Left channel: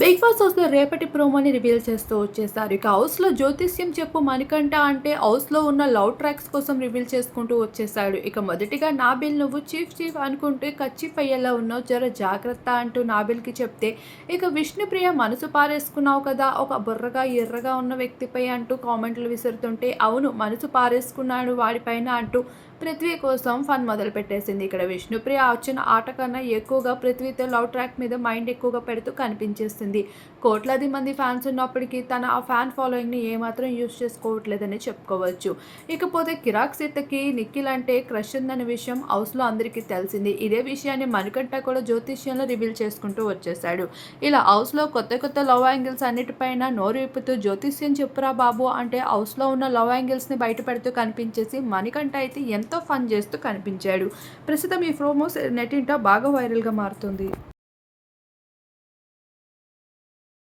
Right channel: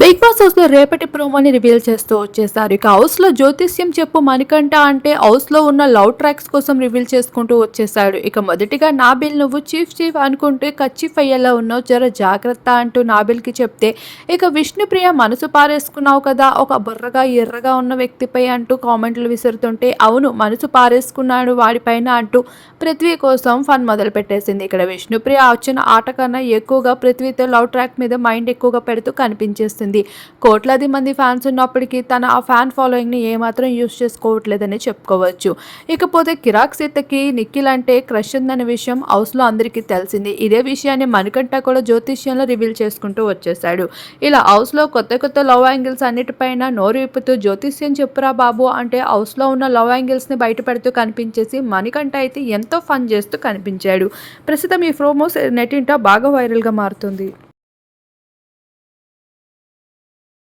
Big boss హౌస్లో రేపటి ప్రోమోని reveal చేస్తూ వచ్చేసారు. ఇక హౌస్లో జ్యోతిష్యం చెప్పు మణికంఠ అంటే హౌస్లో ఉన్న లవ్ ట్రాక్స్ కోసం రివీల్ చేసుకుంటూ వచ్చేసాడు. ఇక మొదటిగా నాబిల్ నువ్వు చీఫ్ చీఫ్ అనుకుంటే కచ్చిఫ్ అయ్యేలా ఉన్నావు. జర జాగ్రత్త అంటూ నాబిల్కి చెప్తే ఇక విష్ణుప్రియ మనసు పారేసుకున్నావు కదా ఒక బుర్రగా ఎర్రగా ఉన్న వ్యక్తిపై అంటూ కామెంట్లు విసురుతుంటే అవును మనసు పారేసుకున్నాడు వాడిపైన అంటూ పృథ్వీ కోసం ఫన్ మొదలు పెట్టేసింది ఇక్కడ విష్ణుప్రియ వచ్చిన ఆట కన్నా ఎక్కువగా పృథ్వీతో లవ్ ట్రాక్ మీద మైండ్ ఎక్కువగా పెడుతూ కనిపించేస్తుంది కోట్లాది మంది ఫ్యాన్స్ ఉన్నప్పటికీ తన ఆ ఫ్యాన్ ఫాలోయింగ్ని ఏమాత్రం యూస్ చేసుకోవట్లేదని చెప్పుకోవచ్చు. ఇకపోతే కిరాక్ సీతకి నిఖిల్ అంటే క్రష్ ఉందనే విషయం హౌస్లో అందరికీ తెలిసింది. ఇదే విషయాన్ని మణికంఠ కూడా జ్యోతిష్యంలో రివీల్ చేసుకుంటూ వచ్చేసాడు ఇలా హౌస్లో కొత్త కొత్త లవ్ యాంగిల్స్ అన్నిటిపైన నోరు విప్పుతూ జ్యోతిష్యం చెప్పురా బాబు అంటే హౌస్లో ఉన్న లవ్ యాంగిల్స్ని బయటపెడుతూ కనిపించేసి మణికంఠ అయితే ఎంతో ఫన్ చేస్తూ కనిపించాడు. ప్రస్తుతం ఈ ప్రోమోస్ నెటింట బాగా వైరల్గా మారుతుంది.